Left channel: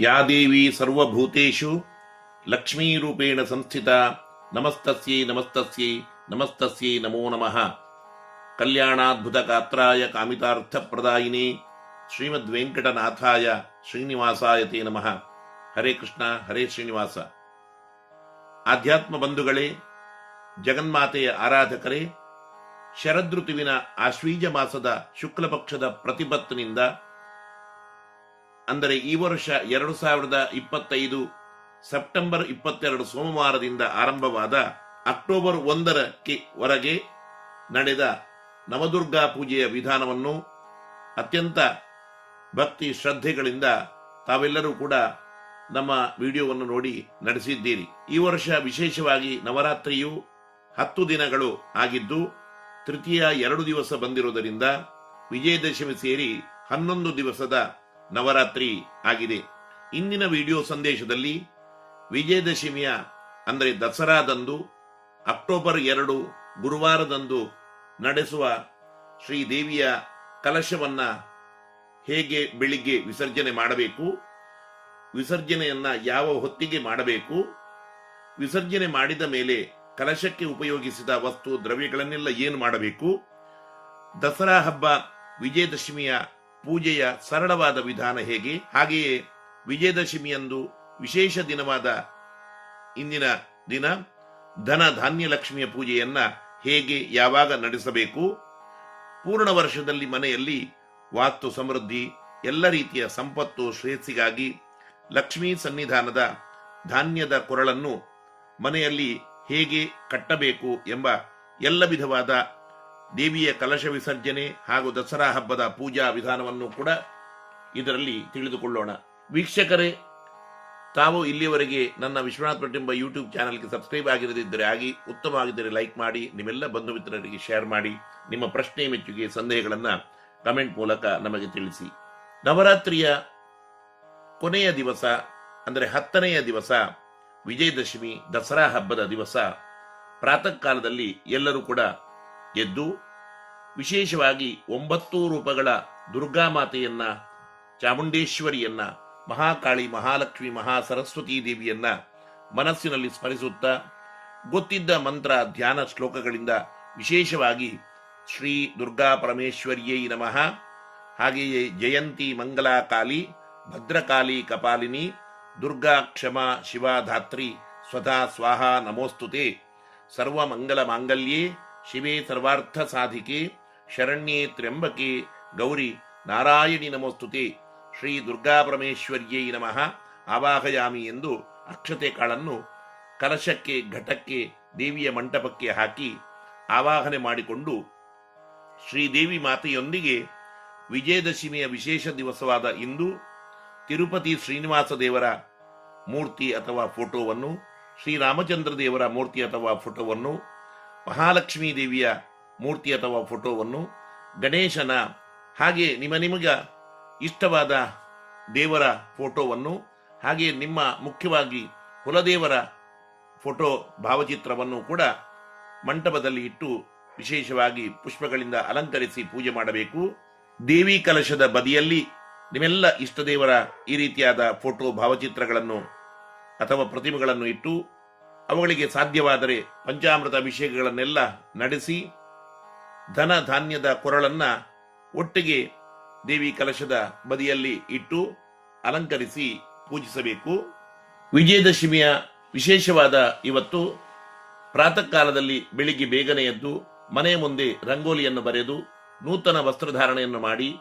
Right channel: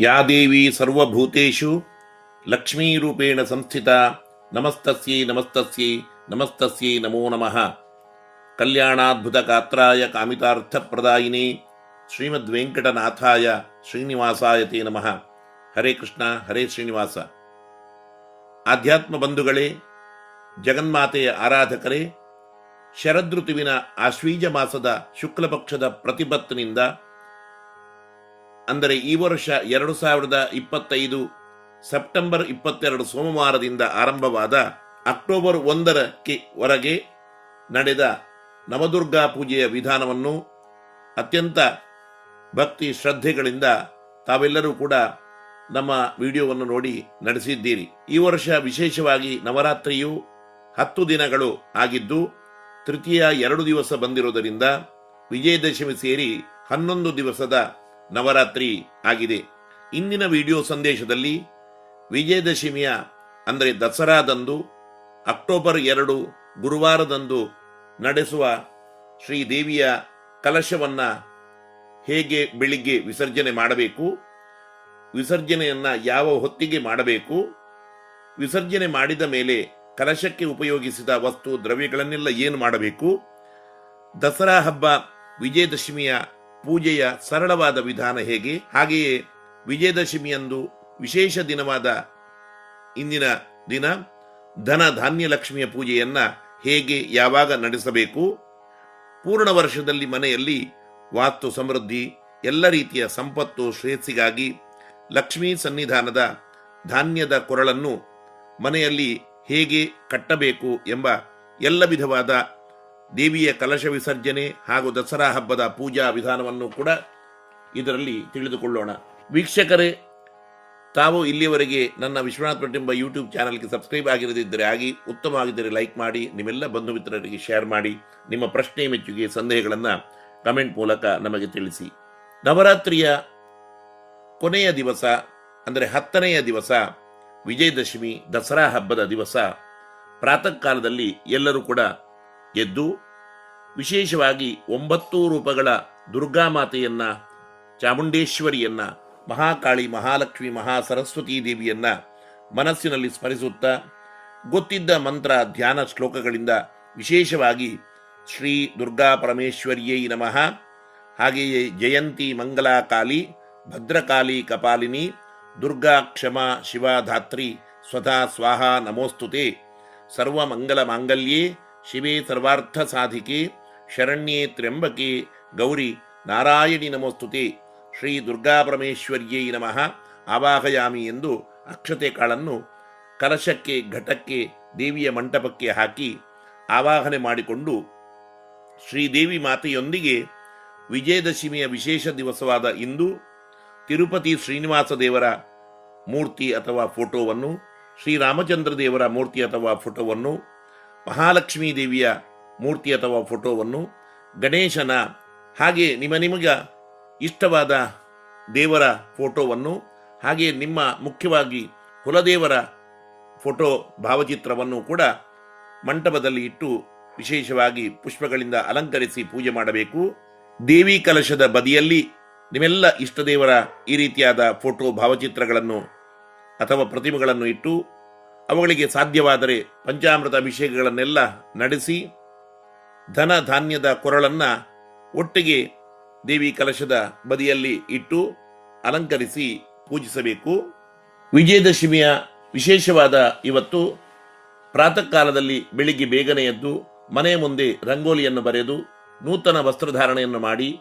ಯಾ ದೇವಿ ಸರ್ವಭೂತೇಷು ಲಕ್ಷ್ಮೀರೂಪೇಣ ಸಂಸ್ಥಿತ. ನಮಸ್ತಸ್ಯೈ ನಮಸ್ತಸ್ಯೈ ನಮಸ್ತಸ್ಯೈ ನಮೋ ನಮಃ. ಕಲ್ಯಾಣಾದ್ಭುತ ಗಾತ್ರಾಯ ಕಾಮಿತಾರ್ಥಪ್ರದಾಯಿನಿ ಶ್ರೀಮದ್ ವೆಂಕಟನಾಥಾಯ ಶ್ರೀನಿವಾಸಾಯ ತೇ ನಮಃ. ಹರೇ ಕೃಷ್ಣ, ಹರೇ ಶ್ರೀನಿವಾಸ. ಆಧ್ಯಾತ್ಮ ಬಂಧುಗಳೇ, ಜಗನ್ಮಾತೆಯ ಆರಾಧಕರೇ, ಶರದೃತುವಿನ ಆಶ್ವೀಜ ಮಾಸದ ಶುಕ್ಲಪಕ್ಷದ ಪ್ರತಿಪತ್ತಿನಿಂದ ಅಂದರೆ ಈ ವರ್ಷ ಎರಡು ಸಾವಿರದ ಇಪ್ಪತ್ತೈದು ಸೆಪ್ಟೆಂಬರ್ ಇಪ್ಪತ್ತೆರಡು ಸೋಮವಾರದಿಂದ ಆರಂಭವಾದ ಅಕ್ಟೋಬರ್ ಒಂದರಕ್ಕೆ ವರೆಗೆ ನಡೆದ ನವದುರ್ಗಾ ಪೂಜೆಯ ವಿಧಾನವನ್ನು ಅತ್ಯಂತ ಭಕ್ತಿ ಶ್ರದ್ಧೆಗಳಿಂದ ತಾವೆಲ್ಲರೂ ಕೂಡ ನಮ್ಮ ವಿಡಿಯೋವನ್ನು ನೋಡಿ ನಡೆಸಿದ್ದೀರಿ. ಈ ವರ್ಷ ವಿಶೇಷವಾಗಿ ನವರಾತ್ರಿಯು ಹತ್ತು ದಿನಗಳು ಆಗಿದ್ದು, ತೃತೀಯ ಎರಡು ದಿವಸ ಬಂದಿರುವುದರಿಂದ ವಿಜಯದಶಮಿ ಸೇರಿ ಹನ್ನೊಂದು ದಿವಸದ ನವರಾತ್ರಿ ಆಗಿದೆ. ಇಂದಿನ ವಿಡಿಯೋ ಸಂದೇಶದಲ್ಲಿ ವಿಜಯದಶಮಿಯ, ಅಂದರೆ ದಸರಾದಂದು, ಅಕ್ಟೋಬರ್ ಎರಡು ಗುರುವಾರದಂದು ನಡೆಸುವ ಶ್ರೀ ದೇವಿಯ ಕಲಶವನ್ನ ಹೇಗೆ ಬೆಳಿಗ್ಗೆ ವಿಸರ್ಜನೆ ಮಾಡಬೇಕು, ವಿಸರ್ಜನೆಯನ್ನು ಯಾವ ಹೊತ್ತಿಗೆ ಮಾಡಬೇಕು, ವಿಸರ್ಜನೆ ಮಾಡಿದ ಮೇಲೆ ಕಲಶಕ್ಕೆ ಉಪಯೋಗಿಸಿದ ವಸ್ತು, ದ್ರವ್ಯಗಳನ್ನೆಲ್ಲ ಏನು ಮಾಡಬೇಕು, ದಸರಾ ಹಬ್ಬ ವಿಜಯದಶಮಿಯ ಪೂಜೆಯ ಸರಳವಾದ ವಿಧಾನ ಹೇಗೆ? ಹಾಗೆಯೇ ವಿಜಯದಶಮಿಯಂದು ವಿಶೇಷ ದಿನವಾದ ಇಂದಿನ ದಿನ ಧನ ಧಾನ್ಯ ಲಕ್ಷ್ಮಿಯ ಪೂಜೆಯನ್ನ ಹೇಗೆ ಯಾವಾಗ ನಡೆಸಬೇಕು? ಪೂರ್ಣ ವರ್ಷದಲ್ಲಿ ಮನೆಯಲ್ಲಿ ವಾಸ್ತು ಸಮೃದ್ಧಿ, ಎಲ್ಲ ರೀತಿಯ ಸಂಪತ್ತು ಶ್ರೇಯಸ್ಸಿಗಾಗಿ ಲಕ್ಷ್ಮೀ ಸನ್ನಿಧಾನದ ಧಾನ್ಯದ ಕೊರಳನ್ನು ಮನೆಯಲ್ಲಿ ಹೇಗೆ ಕಟ್ಟಬೇಕು ಎಂಬ ಎಲ್ಲ ವಿಧವಾದ ದೇವಿಯ ಕಲಶ ವಿಸರ್ಜನೆ ಹಾಗೂ ದಸರಾ ಹಬ್ಬದ ಪೂಜಾ ವಿಧಾನವನ್ನು ಕೂಡ ಇದರಲ್ಲಿ ತಿಳಿದುಕೊಳ್ಳೋಣ. ವೀಕ್ಷಕರೇ, ತಾವು ಇಲ್ಲಿಯವರೆಗೆ ನನ್ನ ವಿಶ್ವನಾಥ್ ಭಟ್ ಎಂಬ ಯೂಟ್ಯೂಬ್ ಚಾನಲ್ಗೆ ಸಬ್ಸ್ಕ್ರೈಬ್ ಆಗಿರದಿದ್ದರೆ ಆಗಿ ಉತ್ತಮವಾಗಿದ್ದರೆ ಲೈಕ್ ಮಾಡಿ, ನಿಮ್ಮೆಲ್ಲ ಬಂಧು ಮಿತ್ರರಿಗೆ ಶೇರ್ ಮಾಡಿ, ನಿಮ್ಮ ಪ್ರಶ್ನೆ ಮೆಚ್ಚುಗೆ ಸಂದೇಹಗಳನ್ನು ಕಮೆಂಟ್ ಮೂಲಕ ನಮಗೆ ತಿಳಿಸಿ. ನವರಾತ್ರಿಯ ಕೊನೆಯ ದಿವಸ, ಅಂದರೆ ಹತ್ತನೆಯ ದಿವಸ, ವಿಜಯದಶಮಿ, ದಸರಾ ಹಬ್ಬದ ದಿವಸ, ಪ್ರಾತಃ ಕಾಲದಲ್ಲಿ ಎಲ್ಲರೂ ಕೂಡ ಎದ್ದು ವಿಶೇಷವಾಗಿ ಒಂಬತ್ತು ರೂಪಗಳ ದುರ್ಗಾಮಾತೆಯನ್ನ ಚಾಮುಂಡೇಶ್ವರಿಯನ್ನ, ಮಹಾಕಾಳಿ, ಮಹಾಲಕ್ಷ್ಮಿ ಮಹಾ ಸರಸ್ವತೀ ದೇವಿಯನ್ನ ಮನಸ್ಸಿನಲ್ಲಿ ಸ್ಮರಿಸುತ್ತಾ ಗೊತ್ತಿದ್ದ ಮಂತ್ರ ಧ್ಯಾನ ಶ್ಲೋಕಗಳಿಂದ ವಿಶೇಷವಾಗಿ ಶ್ರೀ ದುರ್ಗಾ ಪರಮೇಶ್ವರಿಯೈ ನಮಃ. ಹಾಗೆಯೇ ಜಯಂತಿ ಮಂಗಲಾ ಕಾಲಿ ಭದ್ರಕಾಳಿ, ಕಪಾಲಿನಿ, ದುರ್ಗಾ ಕ್ಷಮಾ ಶಿವಾ ಧಾತ್ರಿ ಸ್ವಧಾ, ಸ್ವಾಹ, ನಮೋಸ್ತುತೆ ಸರ್ವಮಂಗಲ ಮಾಂಗಲ್ಯೇ ಶಿವೆ ಸರ್ವಾರ್ಥ ಸಾಧಿಕೆ ಶರಣ್ಯೇ ತ್ರ್ಯಂಬಕೆ ಗೌರಿ ನಾರಾಯಣಿ ನಮೋಸ್ತುತಿ. ಶ್ರೀ ದುರ್ಗಾ ಪರಮೇಶ್ವರ್ಯೈ ನಮಃ. ಆವಾಹಯಾಮಿ ಎಂದು ಅಕ್ಷತೆ ಕಾಳನ್ನು ಕಲಶಕ್ಕೆ, ಘಟಕ್ಕೆ, ದೇವಿಯ ಮಂಟಪಕ್ಕೆ ಹಾಕಿ ಆವಾಹನೆ ಮಾಡಿಕೊಂಡು ಶ್ರೀದೇವಿ ಮಾತೆಯೊಂದಿಗೆ ವಿಜಯದಶಮಿಯ ವಿಶೇಷ ದಿವಸವಾದ ಇಂದು ತಿರುಪತಿ ಶ್ರೀನಿವಾಸ ದೇವರ ಮೂರ್ತಿ ಅಥವಾ ಫೋಟೋವನ್ನು ಶ್ರೀರಾಮಚಂದ್ರ ದೇವರ ಮೂರ್ತಿ ಅಥವಾ ಫೋಟೋವನ್ನು ಮಹಾಲಕ್ಷ್ಮೀ ದೇವಿಯ ಮೂರ್ತಿ ಅಥವಾ ಫೋಟೋವನ್ನು ಗಣೇಶನ ಹಾಗೆ ನಿಮ್ಮ ನಿಮಗೆ ಇಷ್ಟವಾದ ದೇವರ ಫೋಟೋವನ್ನು ಹಾಗೆ ನಿಮ್ಮ ಮುಖ್ಯವಾಗಿ ಕುಲದೇವರ ಫೋಟೋ ಭಾವಚಿತ್ರವನ್ನು ಕೂಡ ಮಂಟಪದಲ್ಲಿ ಇಟ್ಟು ವಿಶೇಷವಾಗಿ ಪುಷ್ಪಗಳಿಂದ ಅಲಂಕರಿಸಿ ಪೂಜೆ ಮಾಡಬೇಕು. ದೇವಿ ಕಲಶದ ಬದಿಯಲ್ಲಿ ನಿಮ್ಮೆಲ್ಲ ಇಷ್ಟದೇವರ ಈ ರೀತಿಯಾದ ಫೋಟೋ ಭಾವಚಿತ್ರಗಳನ್ನು ಅಥವಾ ಪ್ರತಿಮೆಗಳನ್ನು ಇಟ್ಟು ಅವುಗಳಿಗೆ ಸಾಧ್ಯವಾದರೆ ಪಂಚಾಮೃತ ಅಭಿಷೇಕಗಳನ್ನೆಲ್ಲ ನಡೆಸಿ ಧನ ಧಾನ್ಯದ ಕೊರಳನ್ನ ಒಟ್ಟಿಗೆ ದೇವಿ ಕಲಶದ ಬದಿಯಲ್ಲಿ ಇಟ್ಟು ಅಲಂಕರಿಸಿ ಪೂಜಿಸಬೇಕು. ವಿಜಯದಶಮಿಯ ವಿಶೇಷವಾದ ಇವತ್ತು ಪ್ರಾತಃ ಕಾಲದಲ್ಲಿ ಬೆಳಿಗ್ಗೆ ಬೇಗನೆ ಎದ್ದು ಮನೆಯ ಮುಂದೆ ರಂಗೋಲಿಯನ್ನು ಬರೆದು ನೂತನ ವಸ್ತ್ರಧಾರಣೆಯನ್ನು ಮಾಡಿ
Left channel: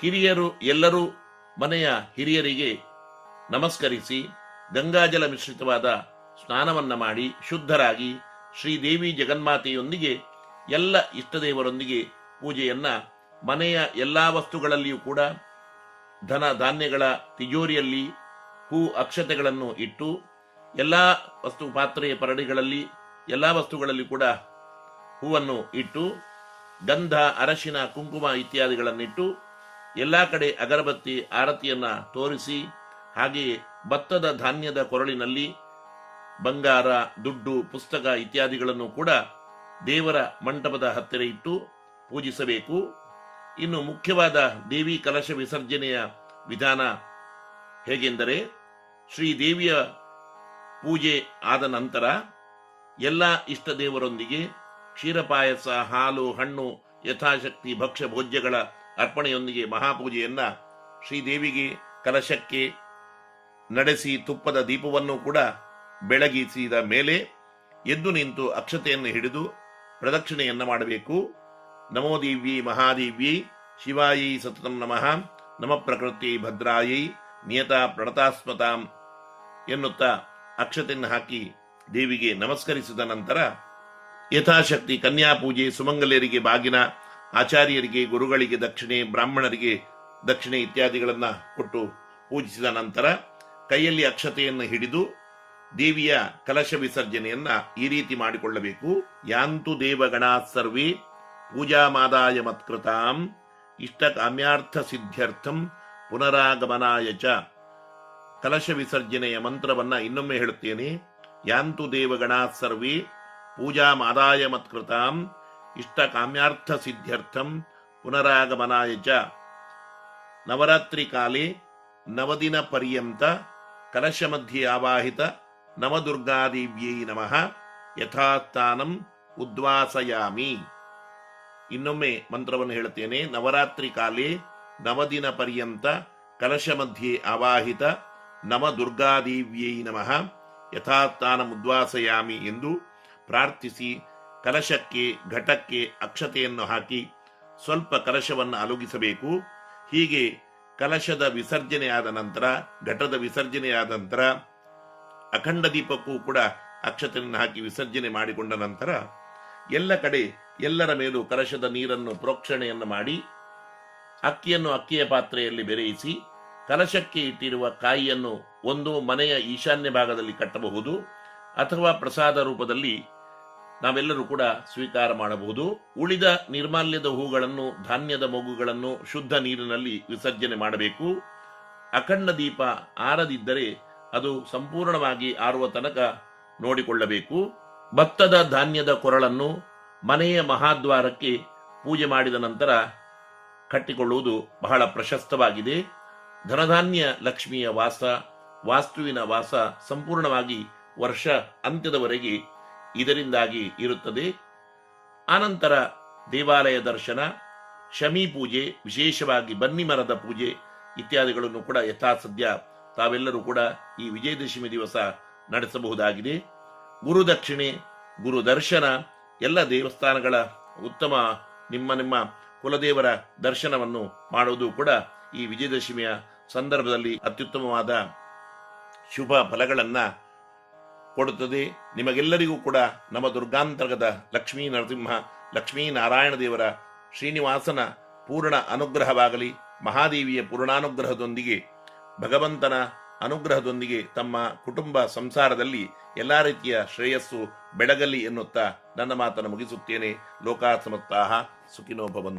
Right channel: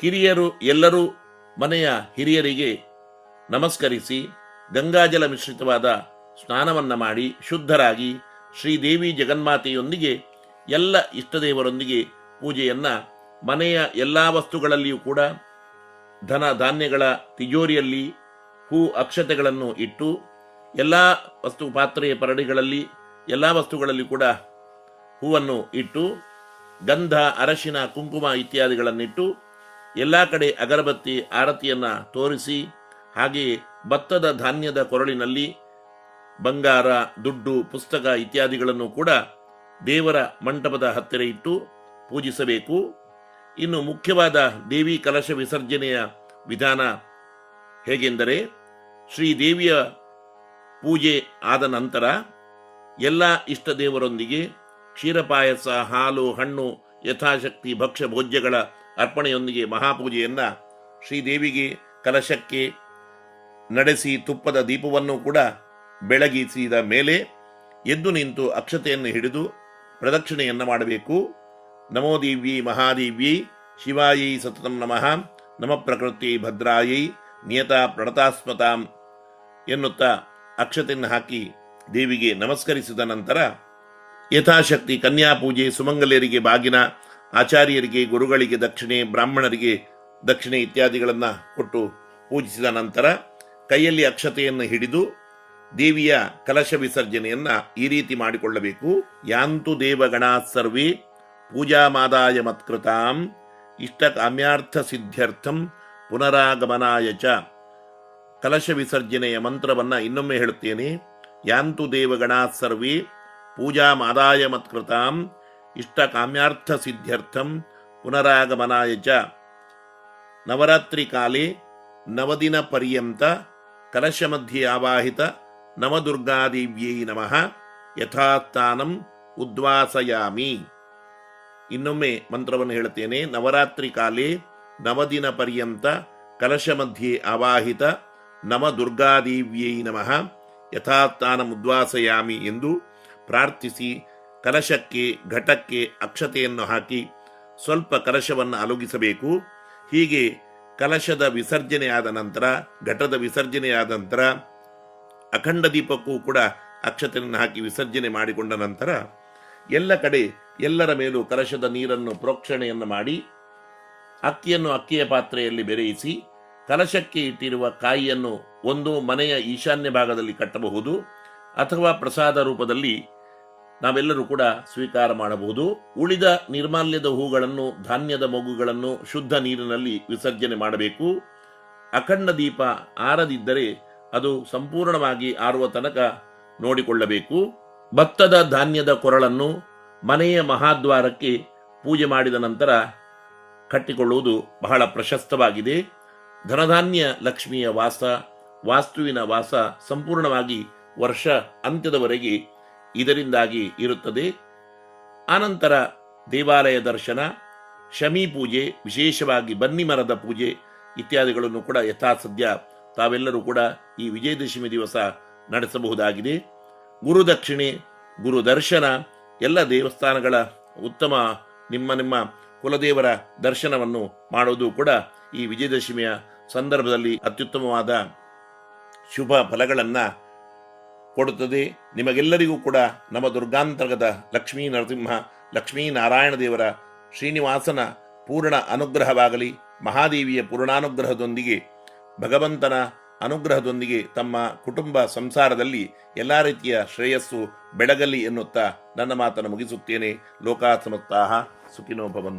ಕಿರಿಯರು ಎಲ್ಲರೂ ಮನೆಯ ಹಿರಿಯರಿಗೆ ನಮಸ್ಕರಿಸಿ ಗಂಗಾಜಲ ಮಿಶ್ರಿತವಾದ ಸ್ನಾನವನ್ನ ಮಾಡಿ ಶುದ್ಧರಾಗಿ ಶ್ರೀದೇವಿ ಜಗನ್ಮಾತೆಯೊಂದಿಗೆ ಎಲ್ಲ ಇಷ್ಟದೇವರೊಂದಿಗೆ ಪೂಜೆಯನ್ನು ಮನೆಯ ಎಲ್ಲ ವಸ್ತುಗಳಲ್ಲಿಯೂ ಕೂಡ ಧನ ಧಾನ್ಯಗಳ ತಿಜೋರಿಯಲ್ಲಿ ಹೂ ಅಕ್ಷತೆಗಳನ್ನು ಇಟ್ಟು ಎಲ್ಲ ವಸ್ತು ಪಾತ್ರೆಯ ಪರಡಿಗಳಲ್ಲಿ ಎಲ್ಲ ವಸ್ತುಗಳಲ್ಲಿ ಕೂಡ ಹೂವನ್ನು ಇಟ್ಟು ಗಂಧ, ಅರಶಿನ, ಕುಂಕುಮ ಇತ್ಯಾದಿಗಳನ್ನಿಟ್ಟು ಎಲ್ಲ ಕಡೆ ಅಗರಬತ್ತಿ, ಆರತಿಯನ್ನು ತೋರಿಸಿ ಹಾಗೆಯೇ ಭತ್ತದ ಧಾನ್ಯದ ಕೊರಳಿನಲ್ಲಿ ಬಂಗಾರ, ದುಡ್ಡು, ಪುಸ್ತಕ ಇತ್ಯಾದಿಗಳನ್ನು ಕೂಡ ದೇವರ ಮಂಟಪದ ಹತ್ತಿರ ಇಟ್ಟು ಪೂಜಿಸಬೇಕು. ಇನ್ನು ಮುಖ್ಯವಾದ ದೇವಿ ಕಲಶ ವಿಸರ್ಜನೆಯ ವಿಧಾನ ಹೇಗೆಂದರೆ ಶ್ರೀದೇವಿಯ ಪೂಜೆ ಆದ ನಂತರ ಎಲ್ಲ ಇಷ್ಟ ದೇವರೊಂದಿಗೆ ಕ್ಷೀರಪಾಯಸ ಹಾಲು, ಹಣ್ಣು, ಯಥಾಶಕ್ತಿ, ಭಕ್ಷ್ಯ, ಭೋಜ್ಯಗಳ ಅರ್ಪಣೆಯೊಂದಿಗೆ ಮಹಾಪೂಜೆಯನ್ನ ಶ್ರೀದೇವಿಗೆ ಕಲಶಕ್ಕೆ ನಡೆಸಿ ತುಪ್ಪದ ದೀಪವನ್ನು ಕೂಡ ಬೆಳಗಿಸಿದ ಮೇಲೆ ಎದ್ದು ನಿಂತು ಅಕ್ಷತೆಯನ್ನು ಹಿಡಿದು ಪ್ರದಕ್ಷಿಣೆಯನ್ನು ಮಾಡಬೇಕು. ನಮೋ ದೇವಿ, ಮಹಾದೇವಿ, ಶಿವಾಯಿ ಸತತಂ ನಮಃ. ನಮ ಪ್ರಕೃತಿ ಭದ್ರಾಯಿ ನಿಯತ ಪ್ರಣತಾಸ್ಮತಾಂ ಎನ್ನುತ್ತಾ ಅಕ್ಷತೆಯನ್ನು ಹಾಕಿ ದೇವಿಗೆ ನಮಸ್ಕರಿಸಿದ ನಂತರ ಯಥಾಶಕ್ತಿ ಕನ್ಯಾ ಪೂಜೆ ಸುಮಂಗಲಿಯರಿಗೆ ಬಾಗಿನ, ಆಚಾರ್ಯರಿಗೆ ಗುರುಗಳಿಗೆ ದಕ್ಷಿಣೆ, ಬ್ರಾಹ್ಮಣರಿಗೆ ದಕ್ಷಿಣೆ ಇತ್ಯಾದಿಗಳನ್ನು ಕೊಟ್ಟು ಪೂಜಿಸಿದ ನಂತರ ಕೈಯಲ್ಲಿ ಅಕ್ಷತೆಯನ್ನು ಹಿಡಿದು ದೇವಿಯ ಕಲಶ ವಿಸರ್ಜನೆಯನ್ನ ಈ ರೀತಿ ಮಾಡಿಕೊಳ್ಳಬೇಕು. ಯಾಂತು ದೇವಗಣಾ ಸರ್ವೇ ಪೂಜಾಮಾದಾಯ ಮತ್ಕೃತಾಂ ಇಷ್ಟ ಕಾಮ್ಯಾರ್ಥ ಸಿದ್ಧ್ಯರ್ಥಂ ಪುನರಾಗಮನಾಯ ಚ. ಕಲಶ ವಿಸರ್ಜನೆಯ ಮಂತ್ರವನ್ನ ಇನ್ನೊಮ್ಮೆ ಹೇಳುತ್ತೇನೆ. ಯಾಂತು ದೇವಗಣಾ ಸರ್ವೇ ಪೂಜಾ ಮಾದಾಯ ಮತ್ಕೃತಾಂ ಇಷ್ಟ ಕಾಮ್ಯಾರ್ಥ ಸಿದ್ಧ್ಯರ್ಥಂ ಪುನರಾಗಮನಾಯ ಚ. ನವರಾತ್ರಿ ಕಾಲೇ ನವದಿನ ಪರ್ಯಂತ ಕಲಶ ಮಧ್ಯೆ ಆವಾಹಿತ ನವದುರ್ಗಾದೇವ್ಯೈ ನಮಃ ಯಥಾಸ್ಥಾನಂ ಉದ್ವಾಸಯಾಮಿ ಇನ್ನೊಮ್ಮೆ ಮಂತ್ರವನ್ನು ಹೇಳುತ್ತೇನೆ. ನವರಾತ್ರಿ ಕಾಲೇ ನವದಿನ ಪರ್ಯಂತ ಕಲಶ ಮಧ್ಯೆ ಆವಾಹಿತ ನವ ದುರ್ಗಾದೇವ್ಯೈ ನಮಃ। ಯಥಾಸ್ಥಾನಂ ಉದ್ವಾಸಯಾಮಿ ಎಂದು ಪ್ರಾರ್ಥಿಸಿ ಕಲಶಕ್ಕೆ, ಘಟಕ್ಕೆ ಅಕ್ಷತೆಯನ್ನು ಹಾಕಿ ಸ್ವಲ್ಪ ಕಲಶವನ್ನು ಅಲುಗಿಸಬೇಕು। ಹೀಗೆ ಕಲಶದ ವಿಸರ್ಜನೆಯಾದ ನಂತರ, ಘಟದ ವಿಸರ್ಜನೆಯಾದ ನಂತರ ಅಖಂಡ ದೀಪಕ್ಕೂ ಕೂಡ ಅಕ್ಷತೆಯನ್ನು ಹಾಕಿ ವಿಸರ್ಜನೆ ಮಾಡಿಕೊಂಡ ನಂತರ ಎಲ್ಲ ಕಡೆ ಎಲ್ಲರ ಮೇಲೂ ಕಲಶದ ನೀರನ್ನು ಪ್ರೋಕ್ಷಣೆಯನ್ನು ಮಾಡಿ ಅಕ್ಕಿಯನ್ನು ಅಕ್ಕಿಯ ಪಾತ್ರೆಯಲ್ಲಿ ಬೆರೆಯಿಸಿ ಕಲಶಕ್ಕೆ ಇಟ್ಟಿರುವ ಕಾಯಿಯನ್ನು ಒಂದು ಮನೆಯ ಈಶಾನ್ಯ ಭಾಗದಲ್ಲಿ ಕಟ್ಟಬಹುದು ಅಥವಾ ಪ್ರಸಾದ ರೂಪದಲ್ಲಿ ನಾವೆಲ್ಲರೂ ಕೂಡ ಸ್ವೀಕಾರ ಮಾಡಬಹುದು. ಉಳಿದ ನಿರ್ಮಾಲ್ಯದ ಹೂಗಳನ್ನು, ಧಾನ್ಯದ ಮಗುಗಳನ್ನು ಶುದ್ಧ ನೀರಿನಲ್ಲಿ ವಿಸರ್ಜನೆ ಮಾಡಬೇಕು. ಅಖಂಡ ದೀಪ ಆರದಿದ್ದರೆ ಅದು ಸಂಪೂರ್ಣವಾಗಿ ಆರುವ ತನಕ ನೋಡಿಕೊಳ್ಳಬೇಕು. ಭತ್ತದ ಧಾನ್ಯದ ಕೊರಳನ್ನು ಮನೆಯ ಮಹಾದ್ವಾರಕ್ಕೆ ಪೂಜೆ ಮಾಡಿದ ನಂತರ ಕಟ್ಟಿಕೊಳ್ಳುವುದು ಬಹಳ ಪ್ರಶಸ್ತವಾಗಿದೆ. ಧನಧಾನ್ಯ ಲಕ್ಷ್ಮಿಯ ವಾಸ, ವಾಸ್ತುವಿನ ವಾಸ ಸಂಪೂರ್ಣವಾಗಿ ವರ್ಷ ಅಂತ್ಯದವರೆಗೆ ಇದರಿಂದಾಗಿ ಇರುತ್ತದೆ. ಆನಂತರ ದೇವಾಲಯ ದರ್ಶನ, ಶಮಿ ಪೂಜೆ, ವಿಶೇಷವಾಗಿ ಬನ್ನಿ ಮರದ ಪೂಜೆ ಇತ್ಯಾದಿಗಳನ್ನು ಕೂಡ ಯಥಾಸದ್ಯ ತಾವೆಲ್ಲರೂ ಕೂಡ ಈ ವಿಜಯದಶಮಿ ದಿವಸ ನಡೆಸಬಹುದಾಗಿದೆ. ಗುರು ದಕ್ಷಿಣೆ, ಗುರು ದರ್ಶನ, ಎಲ್ಲ ದೇವಸ್ಥಾನಗಳ ಉತ್ತಮ ನಿಮ್ಮ ನಿಮ್ಮ ಕುಲದೇವರ ದರ್ಶನವನ್ನು ಮಾಡೋದು ಕೂಡ ಈ ವಿಜಯದಶಮಿಯ ಸಂದರ್ಭದಲ್ಲಿ ಅತ್ಯುತ್ತಮವಾದ ಶುಭ ಫಲಗಳನ್ನು ಕೊಡುತ್ತದೆ. ನಿಮಗೆಲ್ಲರಿಗೂ ಕೂಡ ನಮ್ಮ ದುರ್ಗಾಂತರ್ಗದ ಲಕ್ಷ್ಮೀ ನರಸಿಂಹ, ಲಕ್ಷ್ಮೀ ನಾರಾಯಣ ದೇವರ ಶ್ರೀನಿವಾಸನ ಪೂರ್ಣ ಅನುಗ್ರಹವಾಗಲಿ. ಮಹಾದೇವಿಯ ಪೂರ್ಣಾನುಗ್ರಹದೊಂದಿಗೆ ಭಗವಂತನ ಅನುಗ್ರಹದೊಂದಿಗೆ ತಮ್ಮ ಕುಟುಂಬ ಸಂಸಾರದಲ್ಲಿ ಎಲ್ಲ ರೀತಿಯ ಶ್ರೇಯಸ್ಸು ಬೆಳಗಲಿ ಎನ್ನುತ್ತಾ ನನ್ನ ಮಾತನ್ನು ಮುಗಿಸುತ್ತೇನೆ. ಲೋಕಾಸಮತ್ತಾಹ ಸುಖಿನೋ ಭವಂತು.